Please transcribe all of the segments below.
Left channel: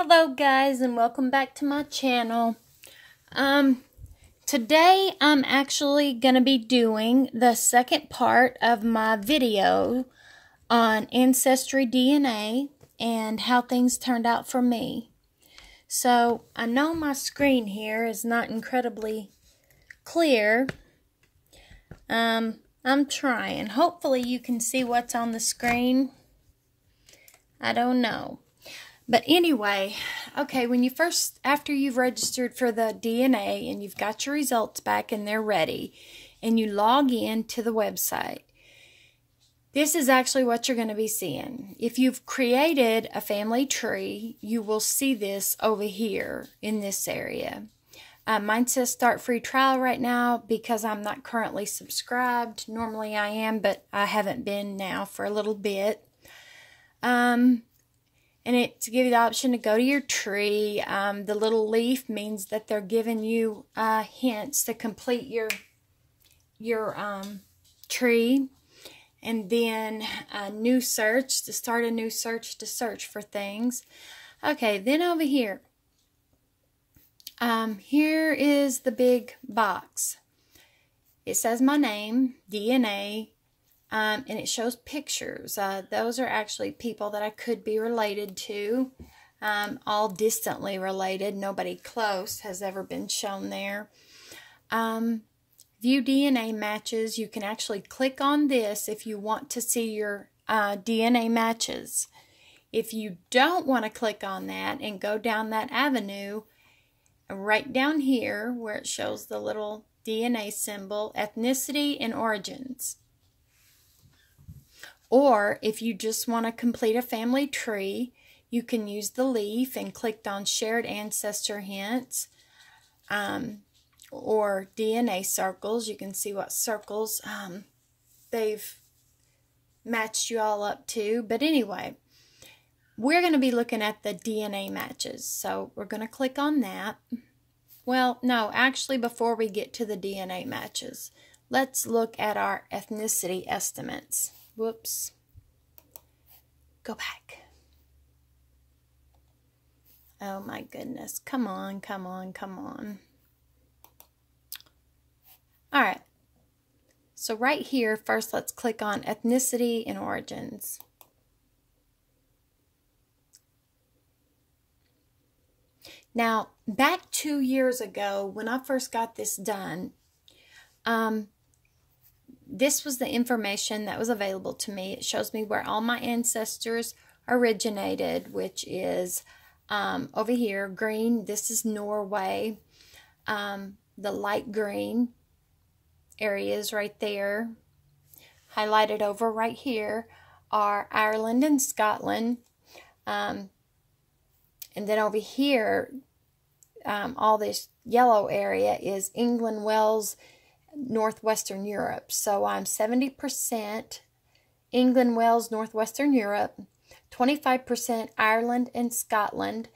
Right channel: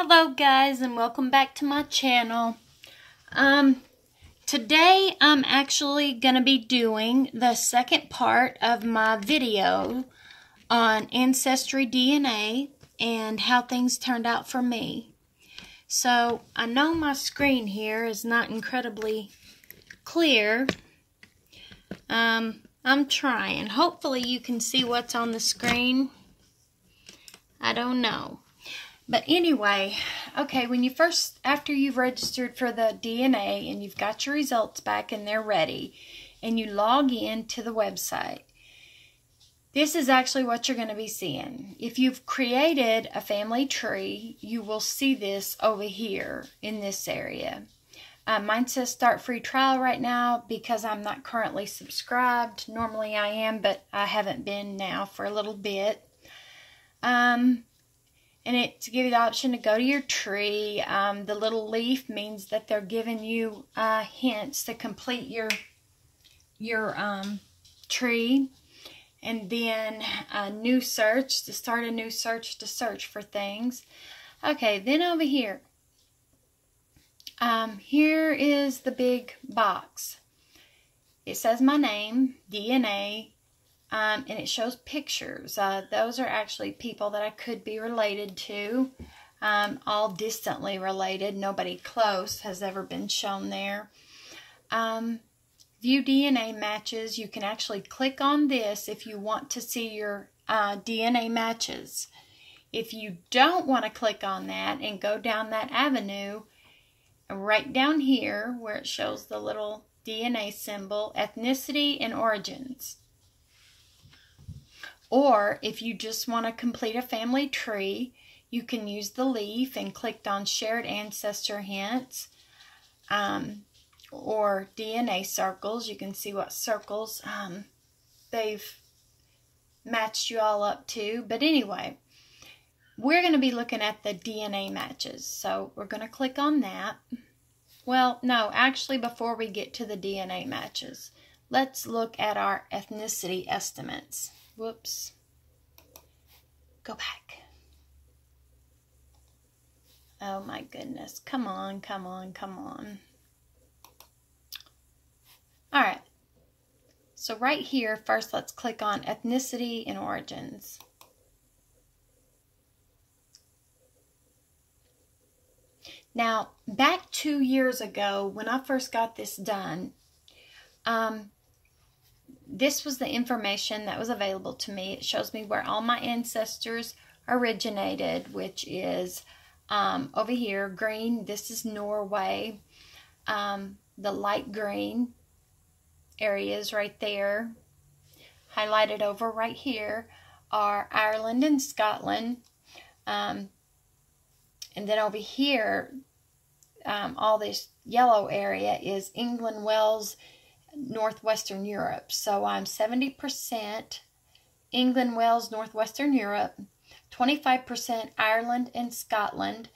Hello guys, and welcome back to my channel. Today I'm actually going to be doing the second part of my video on Ancestry DNA and how things turned out for me. So I know my screen here is not incredibly clear. I'm trying. Hopefully you can see what's on the screen. I don't know. But anyway, okay, when you after you've registered for the DNA and you've got your results back and they're ready, and you log in to the website, this is actually what you're going to be seeing. If you've created a family tree, you will see this over here in this area. Mine says start free trial right now because I'm not currently subscribed. Normally I am, but I haven't been now for a little bit. And it to give you the option to go to your tree. The little leaf means that they're giving you hints to complete your tree. And then a new search, to start a new search to search for things. Okay, then over here. Here is the big box. It says my name, DNA. And it shows pictures. Those are actually people that I could be related to, all distantly related. Nobody close has ever been shown there. View DNA matches. You can actually click on this if you want to see your DNA matches. If you don't want to click on that and go down that avenue, right down here where it shows the little DNA symbol, ethnicity and origins. Or if you just want to complete a family tree, you can use the leaf and click on shared ancestor hints, or DNA circles. You can see what circles they've matched you all up to. But anyway, we're going to be looking at the DNA matches. So we're going to click on that. Well, no, actually before we get to the DNA matches, let's look at our ethnicity estimates. Whoops. Go back. Oh my goodness. Come on, come on, come on. Alright. So right here, first let's click on ethnicity and origins. Now, back 2 years ago, when I first got this done, this was the information that was available to me. It shows me where all my ancestors originated, which is over here, green. This is Norway. The light green areas right there, highlighted over right here, are Ireland and Scotland. And then over here, all this yellow area is England, Wales, Northwestern Europe. So I'm 70% England, Wales, Northwestern Europe, 25% Ireland and Scotland,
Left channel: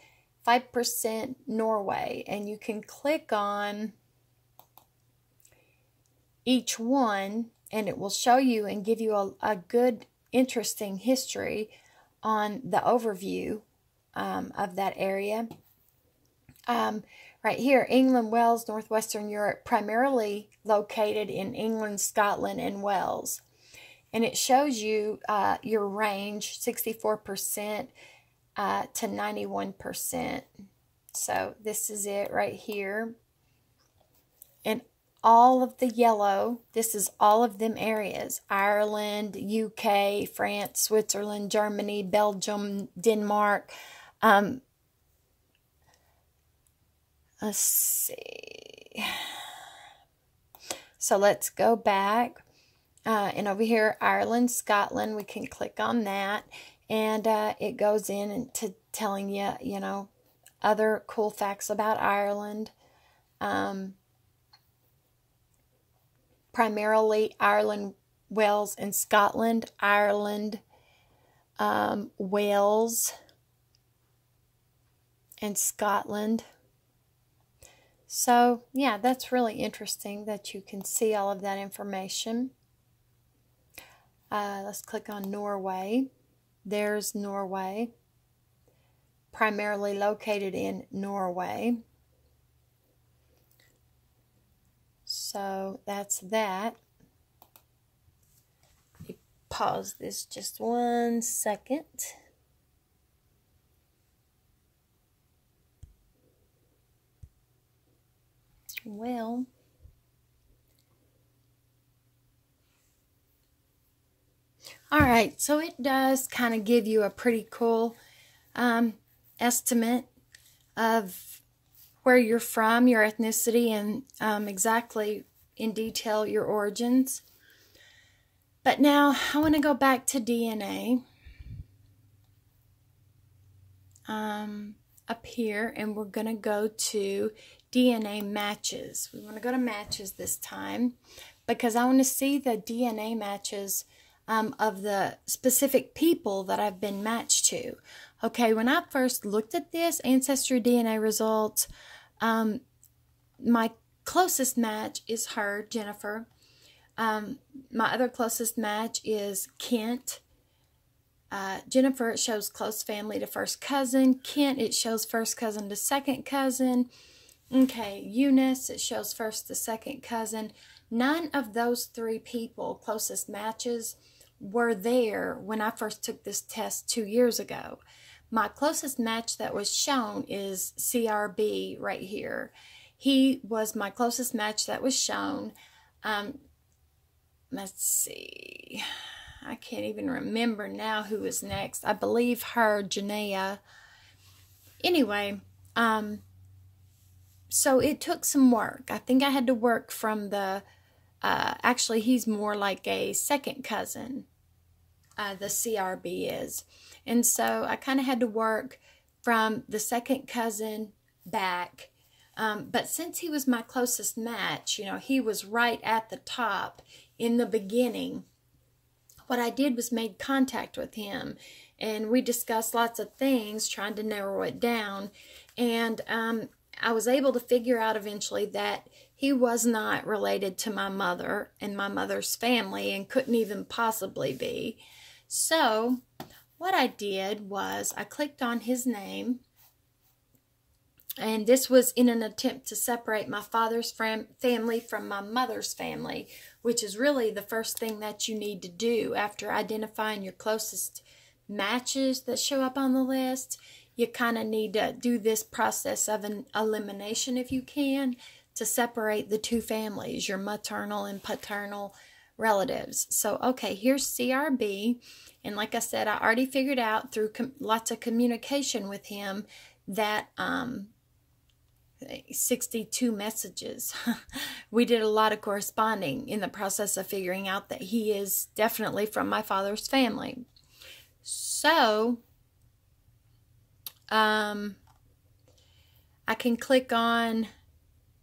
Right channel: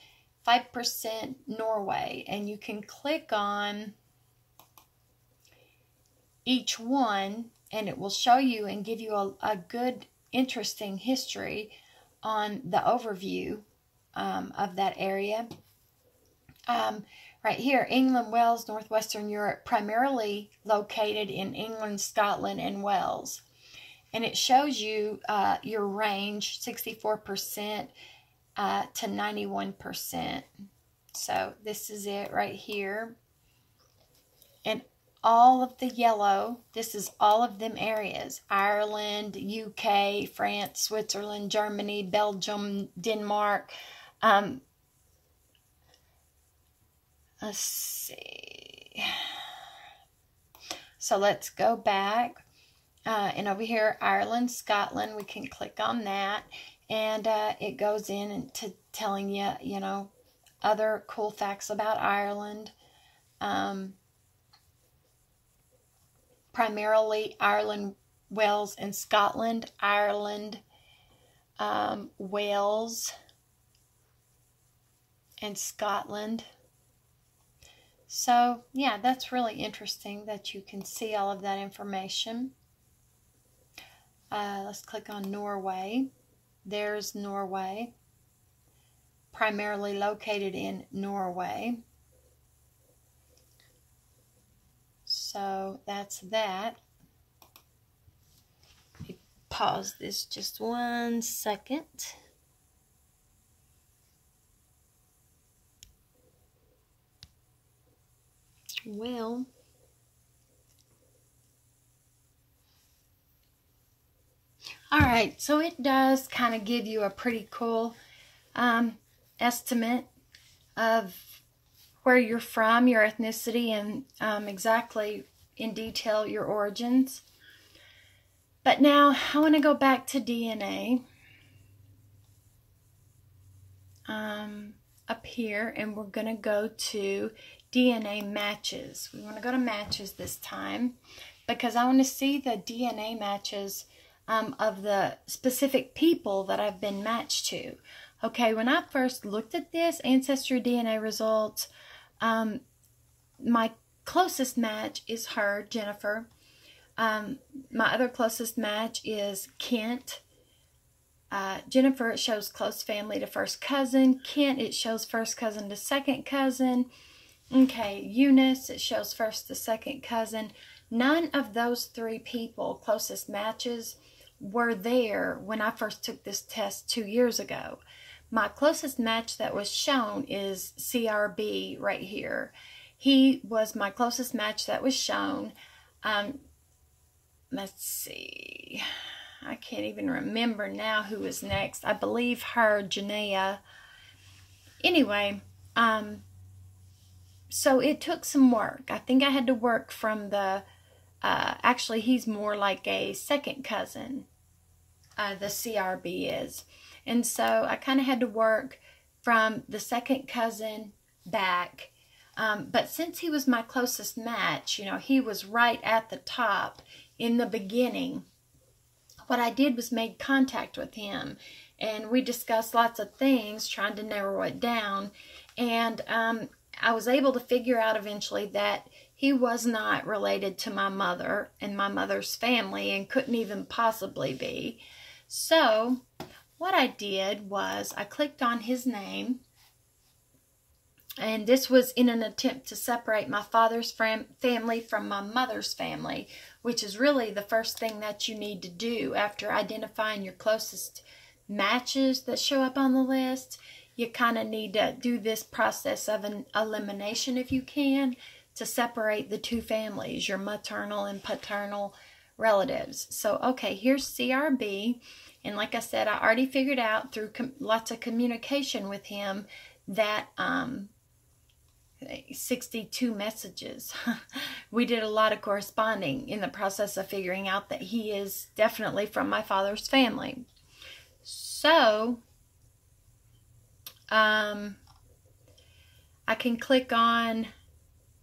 5% Norway. And you can click on each one and it will show you and give you a good, interesting history on the overview of that area. Right here, England, Wales, Northwestern Europe, primarily located in England, Scotland, and Wales. And it shows you your range, 64% to 91%. So this is it right here. And all of the yellow, this is all of them areas. Ireland, UK, France, Switzerland, Germany, Belgium, Denmark. Let's see. So let's go back. And over here, Ireland, Scotland, we can click on that. And it goes in into telling you, you know, other cool facts about Ireland. Primarily Ireland, Wales, and Scotland. Ireland, Wales, and Scotland. So, yeah, that's really interesting that you can see all of that information. Let's click on Norway. There's Norway. primarily located in Norway. So that's that. Let me pause this just 1 second. Well, all right, so it does kind of give you a pretty cool estimate of where you're from, your ethnicity, and exactly in detail your origins. But now I want to go back to DNA up here, and we're going to go to DNA matches. We want to go to matches this time because I want to see the DNA matches of the specific people that I've been matched to. Okay, when I first looked at this Ancestry DNA results, my closest match is her, Jennifer. My other closest match is Kent. Jennifer, it shows close family to first cousin. Kent, it shows first cousin to second cousin. Okay, Eunice, it shows first to second cousin. None of those 3 people, closest matches, were there when I first took this test 2 years ago. My closest match that was shown is CRB right here. He was my closest match that was shown. Let's see. I can't even remember now who was next. I believe her, Janaea. Anyway, so it took some work. I think I had to work from the, actually he's more like a second cousin, the CRB is. And so I kind of had to work from the second cousin back. But since he was my closest match, you know, he was right at the top in the beginning. What I did was made contact with him, and we discussed lots of things, trying to narrow it down. And I was able to figure out eventually that he was not related to my mother and my mother's family and couldn't even possibly be. So what I did was I clicked on his name, and this was in an attempt to separate my father's family from my mother's family, which is really the first thing that you need to do after identifying your closest matches that show up on the list. You kind of need to do this process of an elimination, if you can, to separate the 2 families, your maternal and paternal relatives. So, okay, here's CRB. And like I said, I already figured out through lots of communication with him that 62 messages. We did a lot of corresponding in the process of figuring out that he is definitely from my father's family. So, I can click on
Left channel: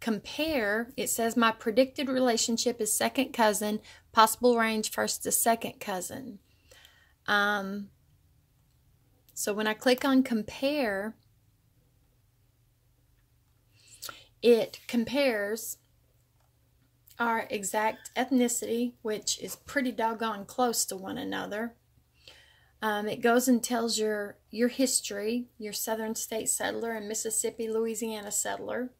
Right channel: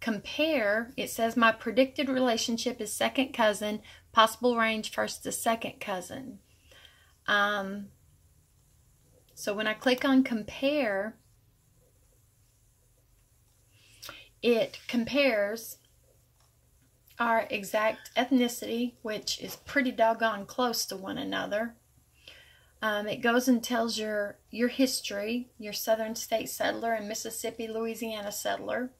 compare. It says my predicted relationship is second cousin, possible range first to second cousin. So when I click on compare, it compares our exact ethnicity, which is pretty doggone close to one another. It goes and tells your history, your southern state settler and Mississippi, Louisiana settler.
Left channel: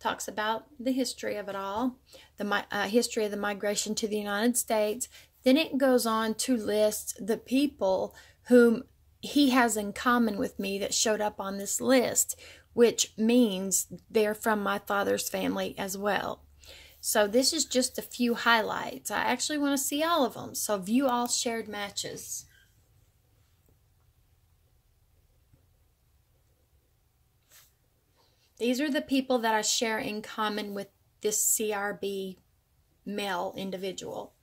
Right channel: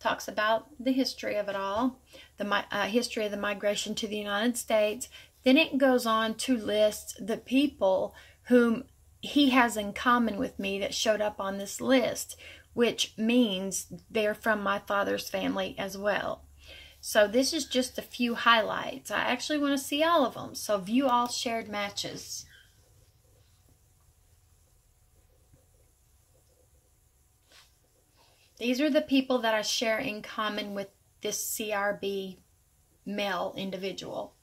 Talks about the history of it all, the history of the migration to the United States. Then it goes on to list the people whom he has in common with me that showed up on this list, which means they're from my father's family as well. So this is just a few highlights. I actually want to see all of them. So view all shared matches. These are the people that I share in common with this CRB male individual.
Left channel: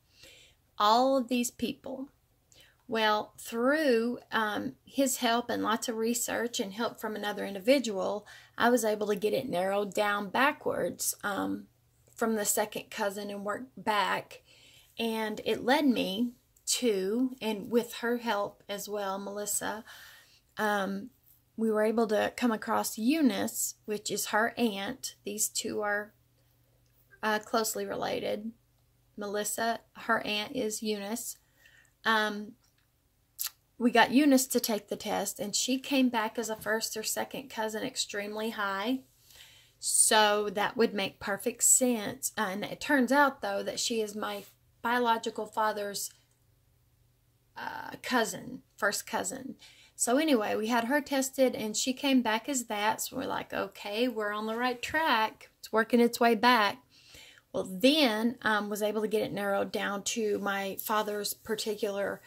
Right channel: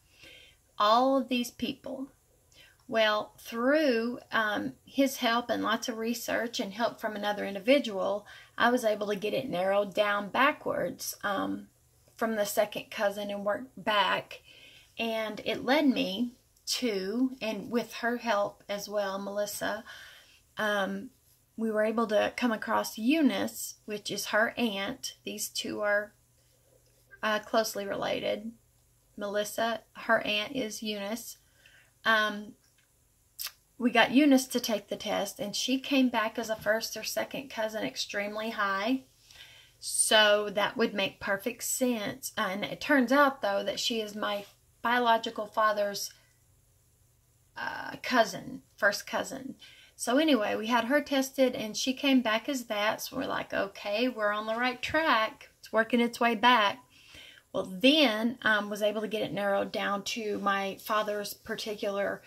All of these people. Well, through his help and lots of research and help from another individual, I was able to get it narrowed down backwards from the second cousin and work back. And it led me to, and with her help as well, Melissa, we were able to come across Eunice, which is her aunt. These two are closely related. Melissa, her aunt is Eunice. we got Eunice to take the test, and she came back as a first or second cousin extremely high. So that would make perfect sense. And it turns out, though, that she is my biological father's cousin, first cousin. So anyway, we had her tested, and she came back as that. So we're like, okay, we're on the right track. It's working its way back. Well, then was able to get it narrowed down to my father's particular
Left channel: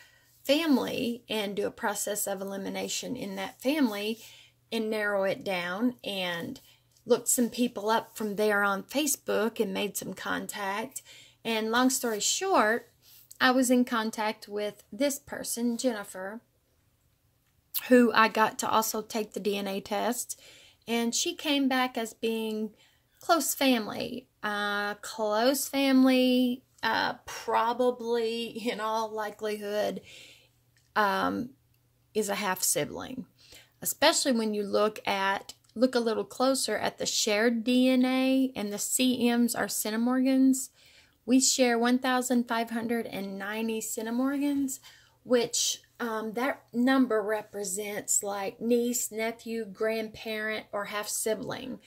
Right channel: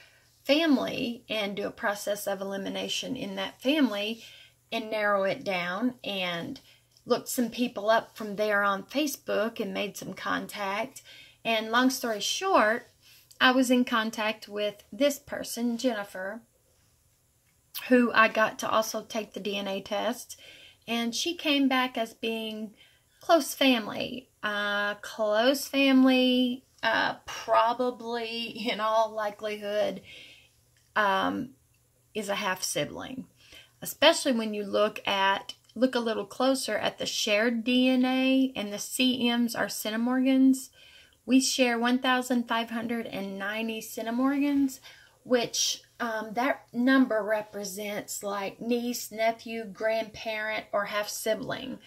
family and do a process of elimination in that family and narrow it down, and looked some people up from there on Facebook and made some contact. And long story short, I was in contact with this person, Jennifer, who I got to also take the DNA test, and she came back as being close family. Probably in all likelihood is a half sibling, especially when you look a little closer at the shared DNA, and the CMs are centimorgans. We share 1,590 centimorgans, which that number represents like niece, nephew, grandparent, or half sibling.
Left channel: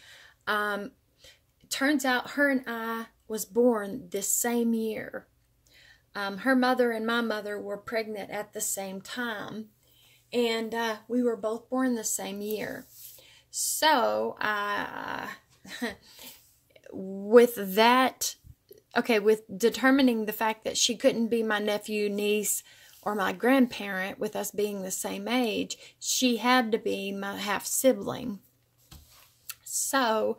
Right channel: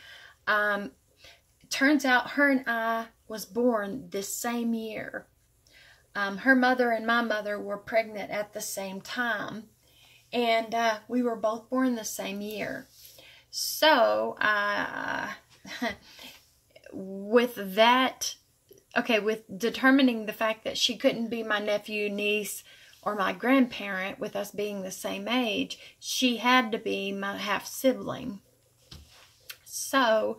Turns out her and I was born this same year. Her mother and my mother were pregnant at the same time, and we were both born the same year. So, with that, okay, with determining the fact that she couldn't be my nephew, niece, or my grandparent with us being the same age, she had to be my half-sibling. So,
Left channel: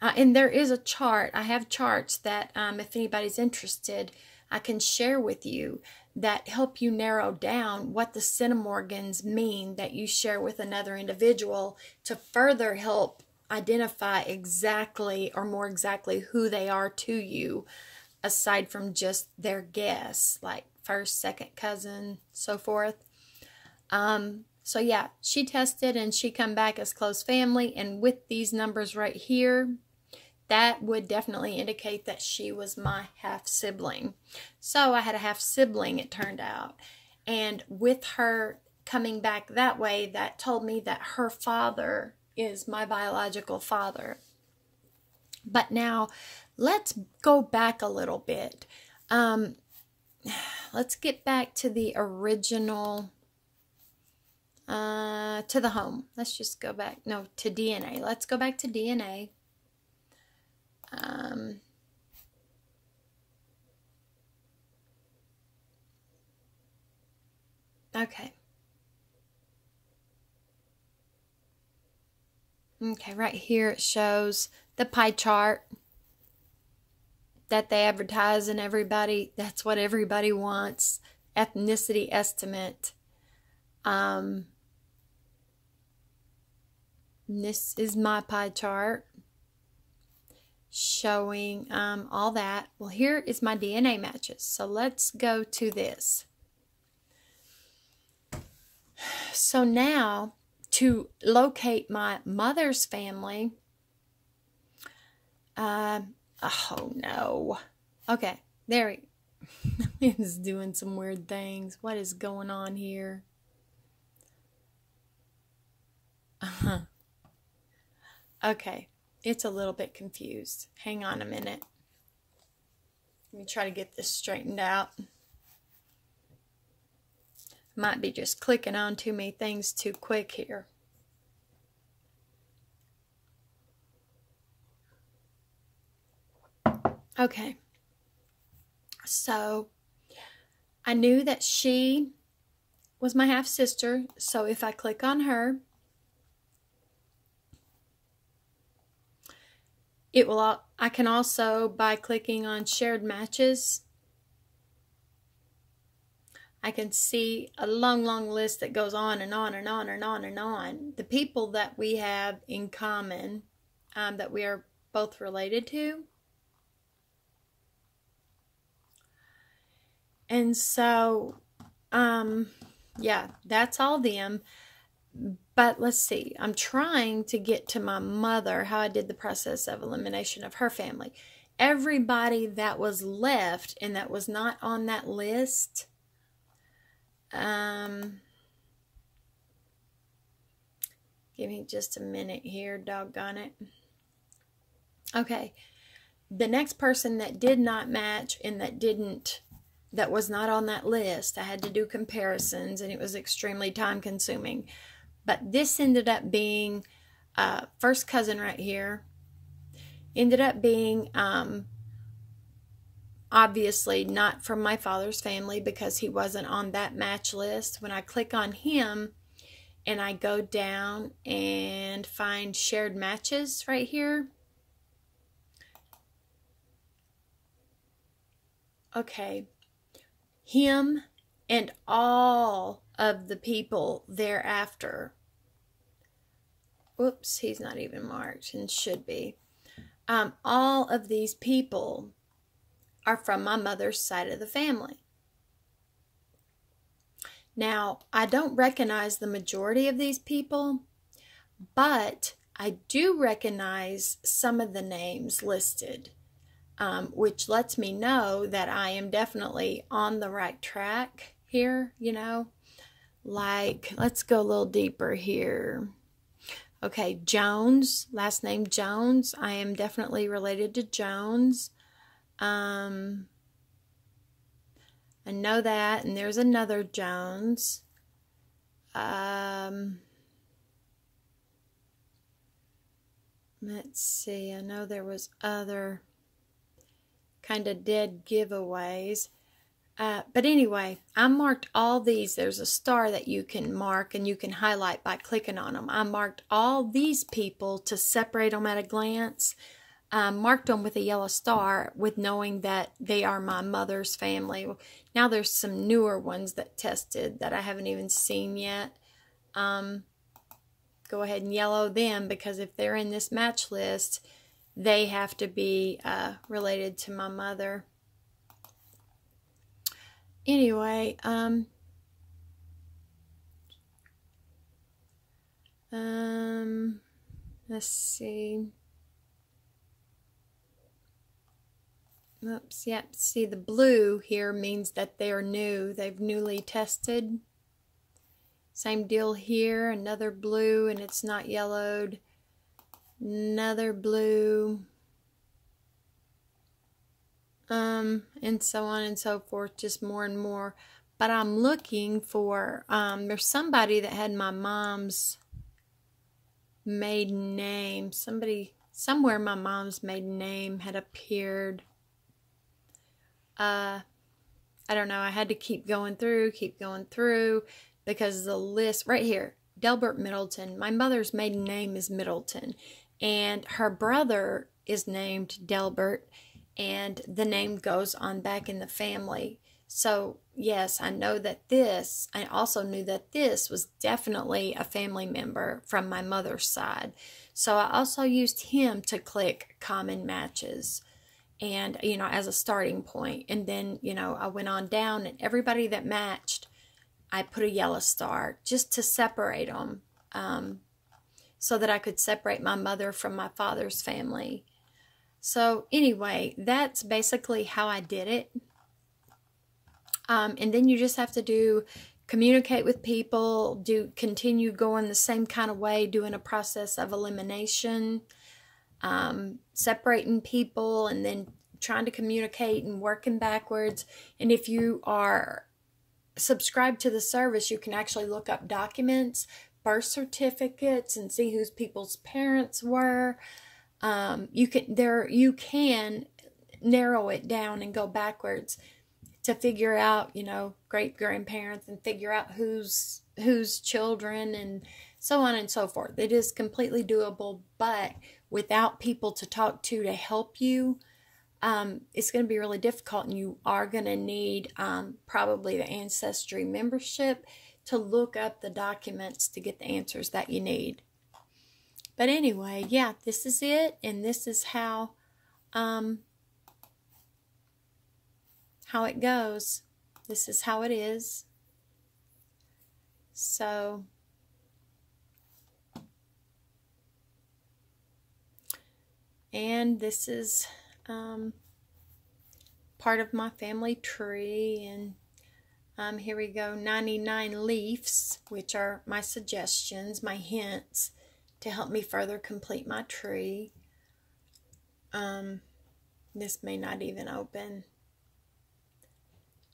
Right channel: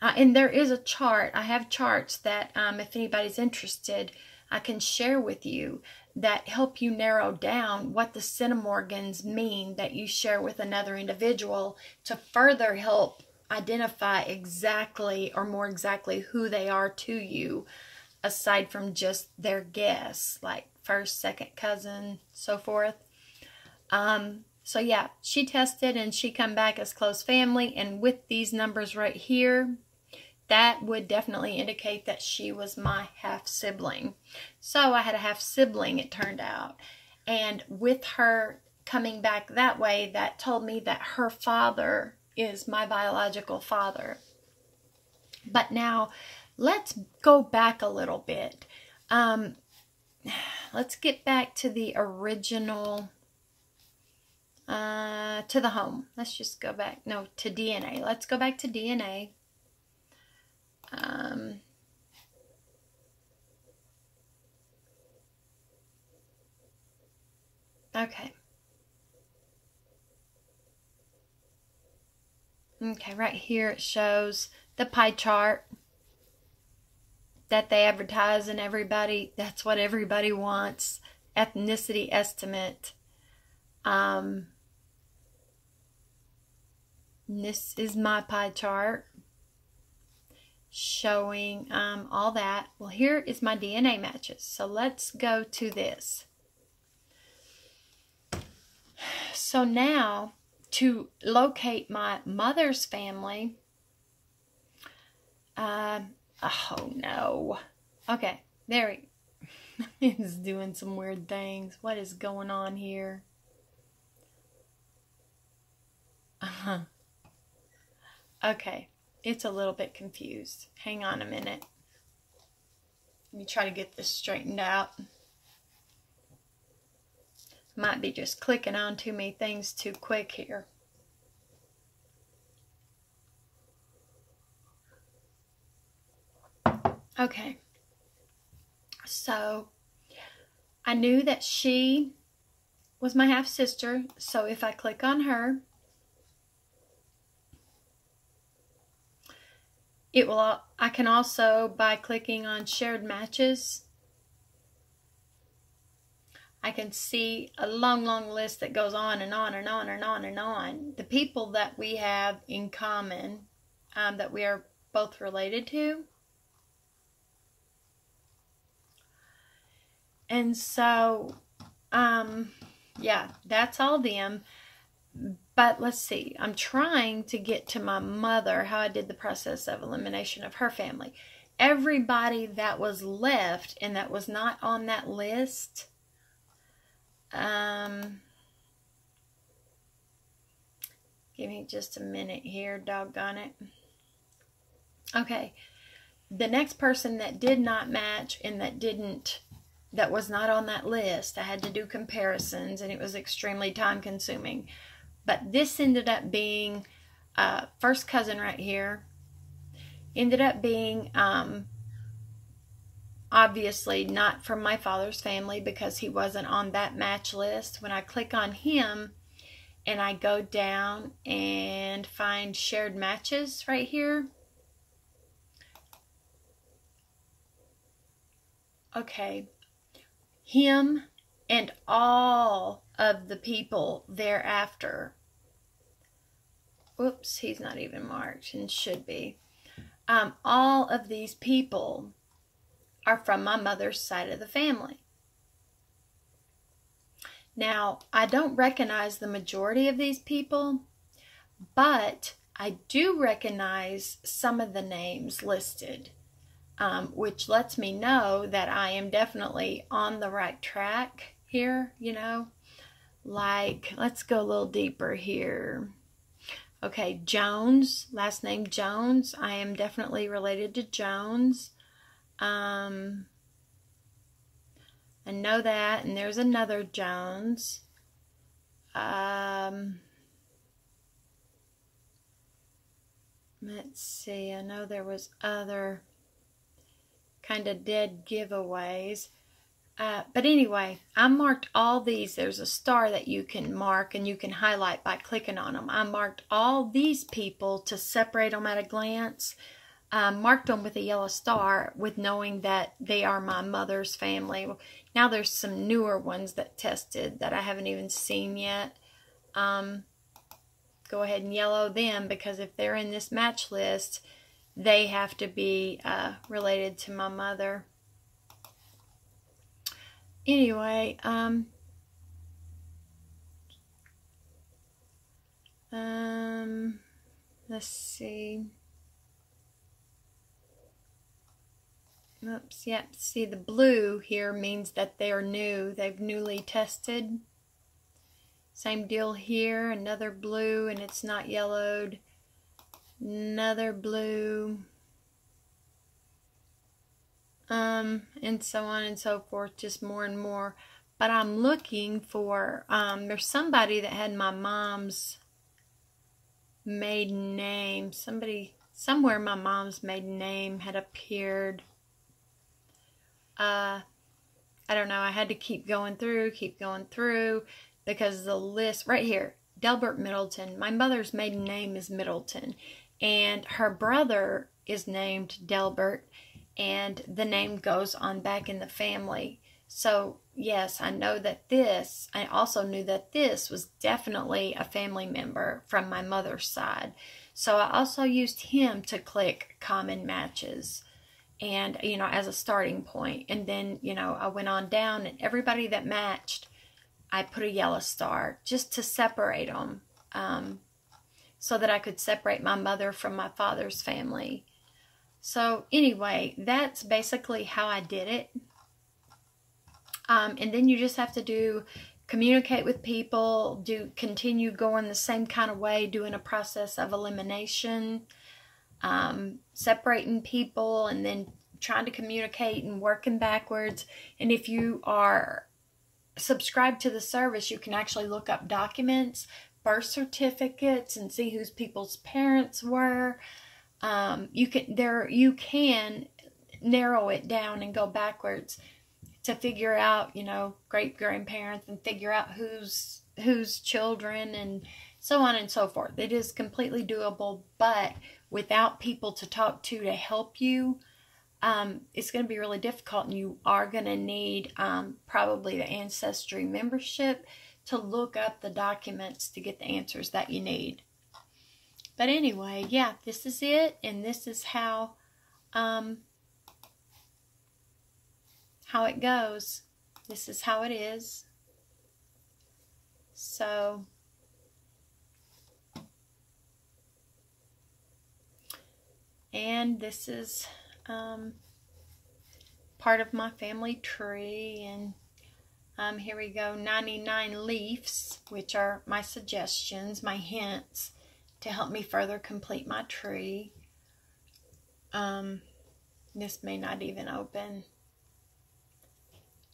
and there is a chart. I have charts that, if anybody's interested, I can share with you that help you narrow down what the centimorgans mean that you share with another individual to further help identify exactly or more exactly who they are to you, aside from just their guess, like first, second cousin, so forth. So yeah, she tested and she come back as close family, and with these numbers right here, that would definitely indicate that she was my half-sibling. So I had a half-sibling, it turned out. And with her coming back that way, that told me that her father is my biological father. But now, let's go back a little bit. Let's get back to the original, to the home. Let's just go back, no, to DNA. Let's go back to DNA. Okay. Okay, right here it shows the pie chart that they advertise, and that's what everybody wants. Ethnicity estimate. This is my pie chart showing all that. Well, here is my DNA matches. So let's go to this. So now, to locate my mother's family, oh no. Okay, there he is doing some weird things. What is going on here? Okay, it's a little bit confused. Hang on a minute. Let me try to get this straightened out. Might be just clicking on too many things too quick here. Okay. So, I knew that she was my half-sister. So, if I click on her, it will. I can also, by clicking on shared matches, I can see a long, long list that goes on and on and on and on and on. The people that we have in common, that we are both related to. And so, yeah, that's all them. But let's see. I'm trying to get to my mother, how I did the process of elimination of her family. Everybody that was left and that was not on that list, Give me just a minute here, doggone it. Okay, the next person that did not match and that was not on that list, I had to do comparisons, and it was extremely time consuming. But this ended up being first cousin right here. Ended up being obviously not from my father's family because he wasn't on that match list. When I click on him and I go down and find shared matches right here. Okay, him and all of the people thereafter. Whoops, he's not even marked and should be. All of these people are from my mother's side of the family. Now, I don't recognize the majority of these people, but I do recognize some of the names listed, which lets me know that I am definitely on the right track here, you know. Like, let's go a little deeper here. Okay, Jones, last name Jones. I am definitely related to Jones. I know that, and there's another Jones. Let's see, I know there was other kind of dead giveaways. But anyway, I marked all these. There's a star that you can mark and you can highlight by clicking on them. I marked all these people to separate them at a glance. Marked them with a yellow star with knowing that they are my mother's family. Now there's some newer ones that tested that I haven't even seen yet. Go ahead and yellow them because if they're in this match list, they have to be related to my mother. Anyway, let's see. Oops, yep. See, the blue here means that they are new. They've newly tested. Same deal here. Another blue, and it's not yellowed. Another blue. And so on and so forth, just more and more. But I'm looking for, there's somebody that had my mom's maiden name. Somewhere my mom's maiden name had appeared. I don't know, I had to keep going through, because the list, right here, Delbert Middleton. My mother's maiden name is Middleton, and her brother is named Delbert, and the name goes on back in the family. So, yes, I know that I also knew that this was definitely a family member from my mother's side. So I also used him to click common matches and, you know, as a starting point. And then, you know, I went on down and everybody that matched, I put a yellow star just to separate them, so that I could separate my mother from my father's family. So anyway, that's basically how I did it. And then you just have to communicate with people, continue going the same kind of way, doing a process of elimination, separating people, and then trying to communicate and working backwards. And if you are subscribed to the service, you can actually look up documents, birth certificates, and see whose people's parents were. You can narrow it down and go backwards to figure out, you know, great grandparents, and figure out whose children, and so on and so forth. It is completely doable, but without people to talk to help you, it's going to be really difficult, and you are going to need probably the Ancestry membership to look up the documents to get the answers that you need. But anyway, yeah, this is it, and this is how it goes. This is how it is. So, and this is part of my family tree, and here we go, 99 leaves, which are my suggestions, my hints. to help me further complete my tree. This may not even open.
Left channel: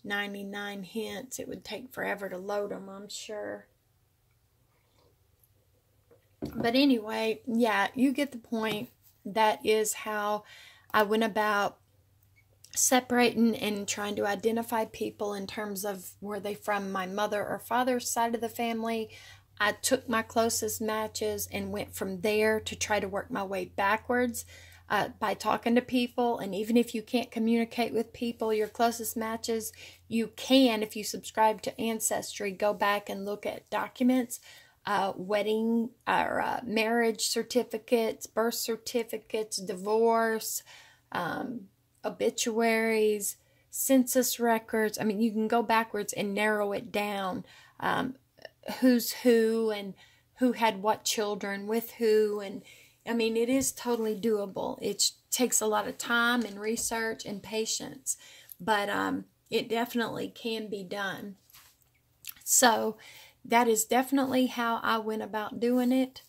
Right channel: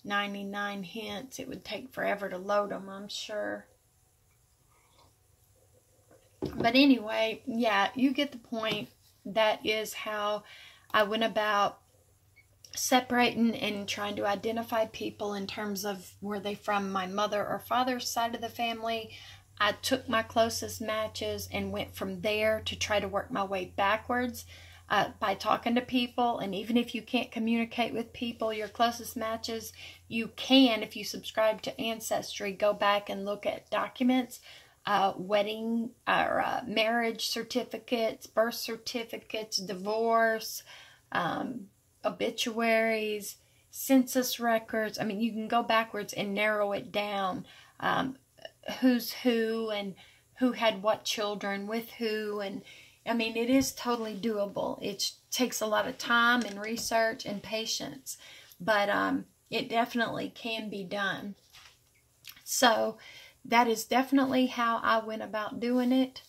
99 hints. It would take forever to load them, I'm sure. But anyway, yeah, you get the point. That is how I went about separating and trying to identify people in terms of were they from my mother or father's side of the family. I took my closest matches and went from there to try to work my way backwards by talking to people. And even if you can't communicate with people, your closest matches, you can, if you subscribe to Ancestry, go back and look at documents, wedding or marriage certificates, birth certificates, divorce, obituaries, census records. I mean, you can go backwards and narrow it down, who's who and who had what children with who. And I mean, it is totally doable. It takes a lot of time and research and patience, but it definitely can be done. So that is definitely how I went about doing it.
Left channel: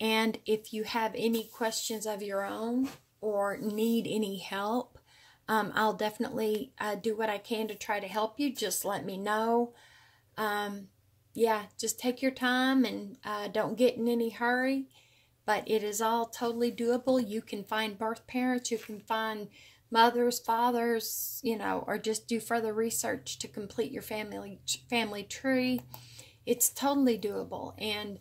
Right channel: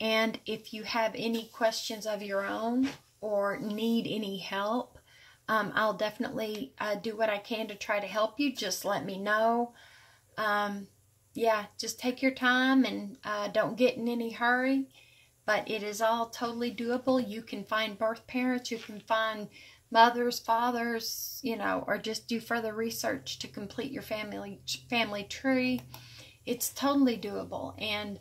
And if you have any questions of your own or need any help, I'll definitely do what I can to try to help you. Just let me know. Yeah, just take your time and don't get in any hurry. But it is all totally doable. You can find birth parents. You can find mothers, fathers, you know, or just do further research to complete your family tree. It's totally doable. And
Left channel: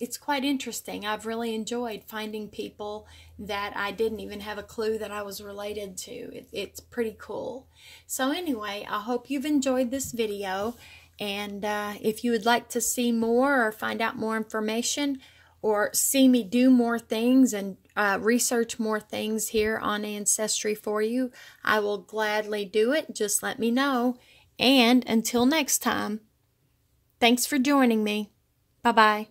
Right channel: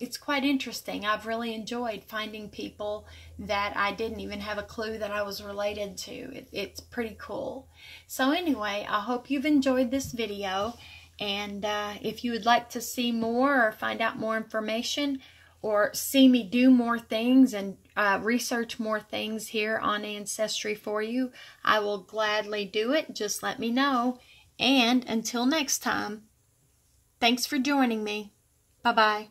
it's quite interesting. I've really enjoyed finding people that I didn't even have a clue that I was related to. It's pretty cool. So anyway, I hope you've enjoyed this video. And if you would like to see more or find out more information or see me do more things and research more things here on Ancestry for you, I will gladly do it. Just let me know. And until next time, thanks for joining me. Bye-bye.